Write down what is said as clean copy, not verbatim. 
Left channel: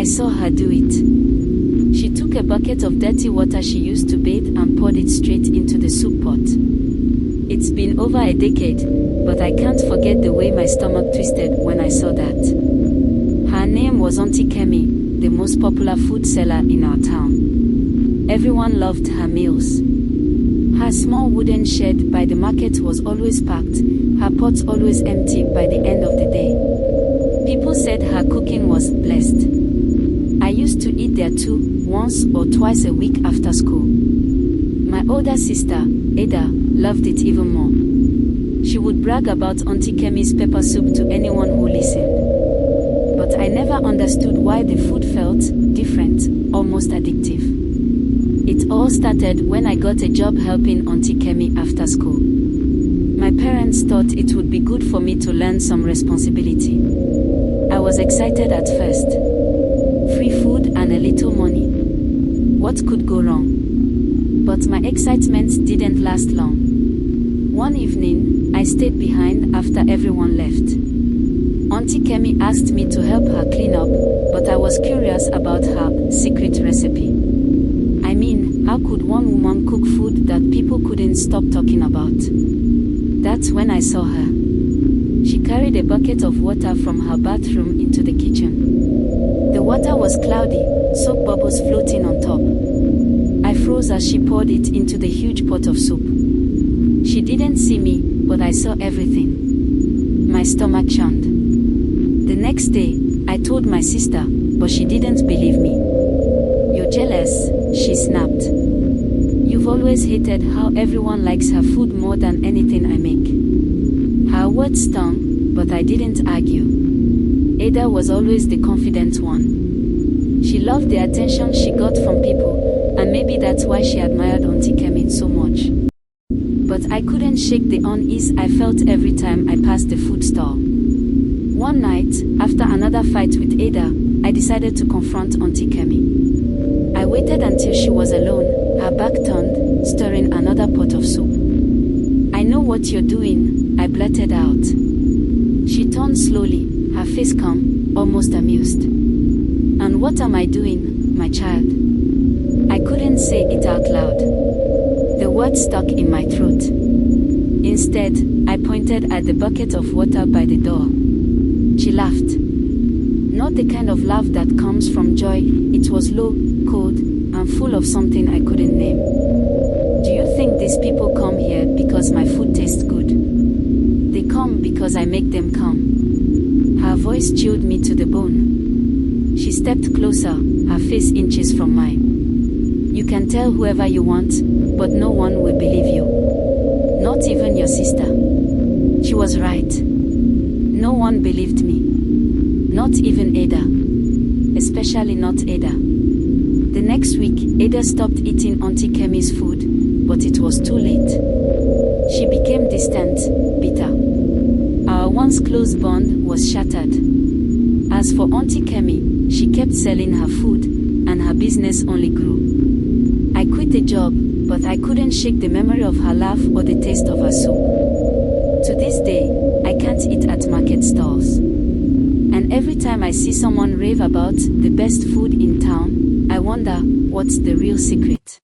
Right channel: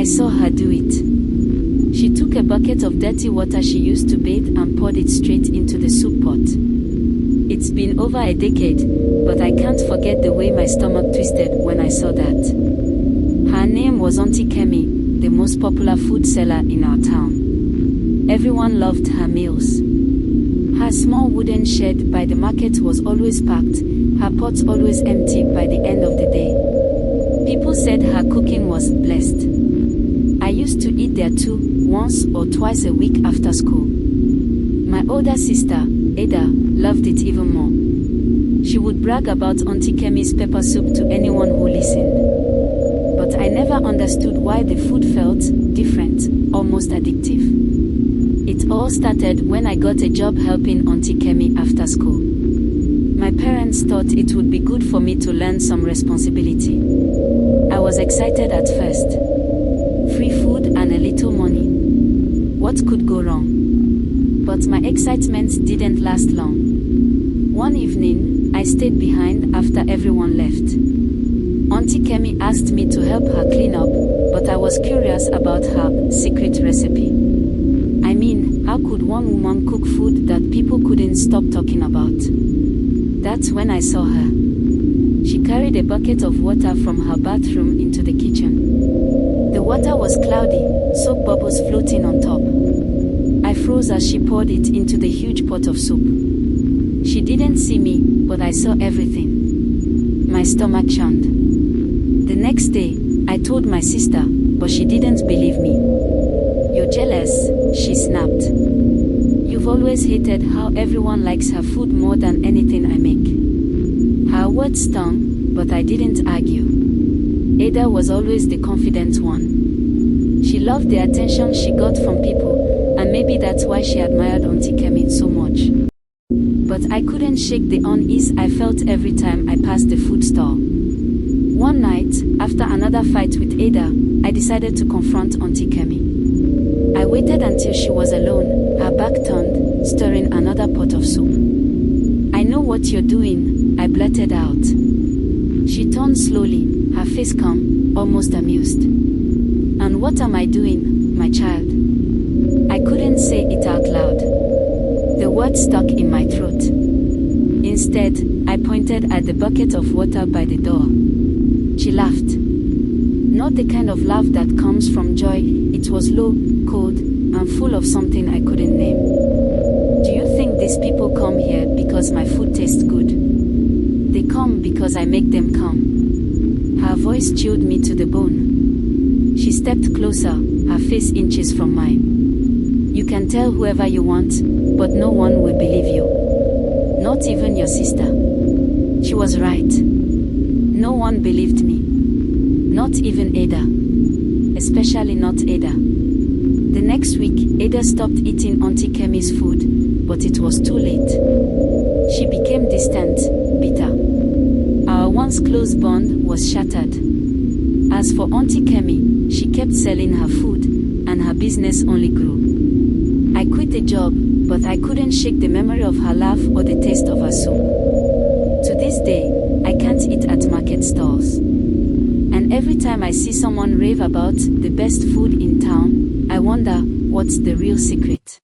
I saw her do it. She took a bucket of dirty water she used to bathe and poured it straight into the soup pot. It's been over a decade, but I can't forget the way my stomach twisted when I saw that. Her name was Auntie Kemi, the most popular food seller in our town. Everyone loved her meals. Her small wooden shed by the market was always packed, her pots always empty by the end of the day. People said her cooking was blessed. I used to eat there too, once or twice a week after school. My older sister, Ada, loved it even more. She would brag about Auntie Kemi's pepper soup to anyone who listened. But I never understood why the food felt different, almost addictive. It all started when I got a job helping Auntie Kemi after school. My parents thought it would be good for me to learn some responsibility. I was excited at first. Free food and a little money. What could go wrong? But my excitement didn't last long. One evening, I stayed behind after everyone left. Auntie Kemi asked me to help her clean up, but I was curious about her secret recipe. I mean, how could one woman cook food that people couldn't stop talking about? That's when I saw her. She carried a bucket of water from her bathroom into the kitchen. The water was cloudy, soap bubbles floating on top. I froze as she poured it into the huge pot of soup. She didn't see me, but I saw everything. My stomach churned. The next day, I told my sister, but she didn't believe me. "You're jealous," she snapped. "You've always hated how everyone likes her food more than anything I make." Her words stung, but I didn't argue. Ada was always the confident one. She loved the attention she got from people, and maybe that's why she admired Auntie Kemi so much. But I couldn't shake the unease I felt every time I passed the food stall. One night, after another fight with Ada, I decided to confront Auntie Kemi. I waited until she was alone, her back turned, stirring another pot of soup. "I know what you're doing," I blurted out. She turned slowly, her face calm, almost amused. "And what am I doing, my child?" I couldn't say it out loud. The word stuck in my throat. Instead, I pointed at the bucket of water by the door. She laughed. Not the kind of laugh that comes from joy, it was low, cold, and full of something I couldn't name. "Do you think these people come here because my food tastes good? They come because I make them come." Her voice chilled me to the bone. She stepped closer, her face inches from mine. "You can tell whoever you want, but no one will believe you. Not even your sister." She was right. No one believed me. Not even Ada. Especially not Ada. The next week, Ada stopped eating Auntie Kemi's food, but it was too late. She became distant, bitter. Our once close bond was shattered. As for Auntie Kemi, she kept selling her food, and her business only grew. I quit the job, but I couldn't shake the memory of her laugh or the taste of her soup. To this day, I can't eat at market stalls. And every time I see someone rave about the best food in town, I wonder, what's the real secret?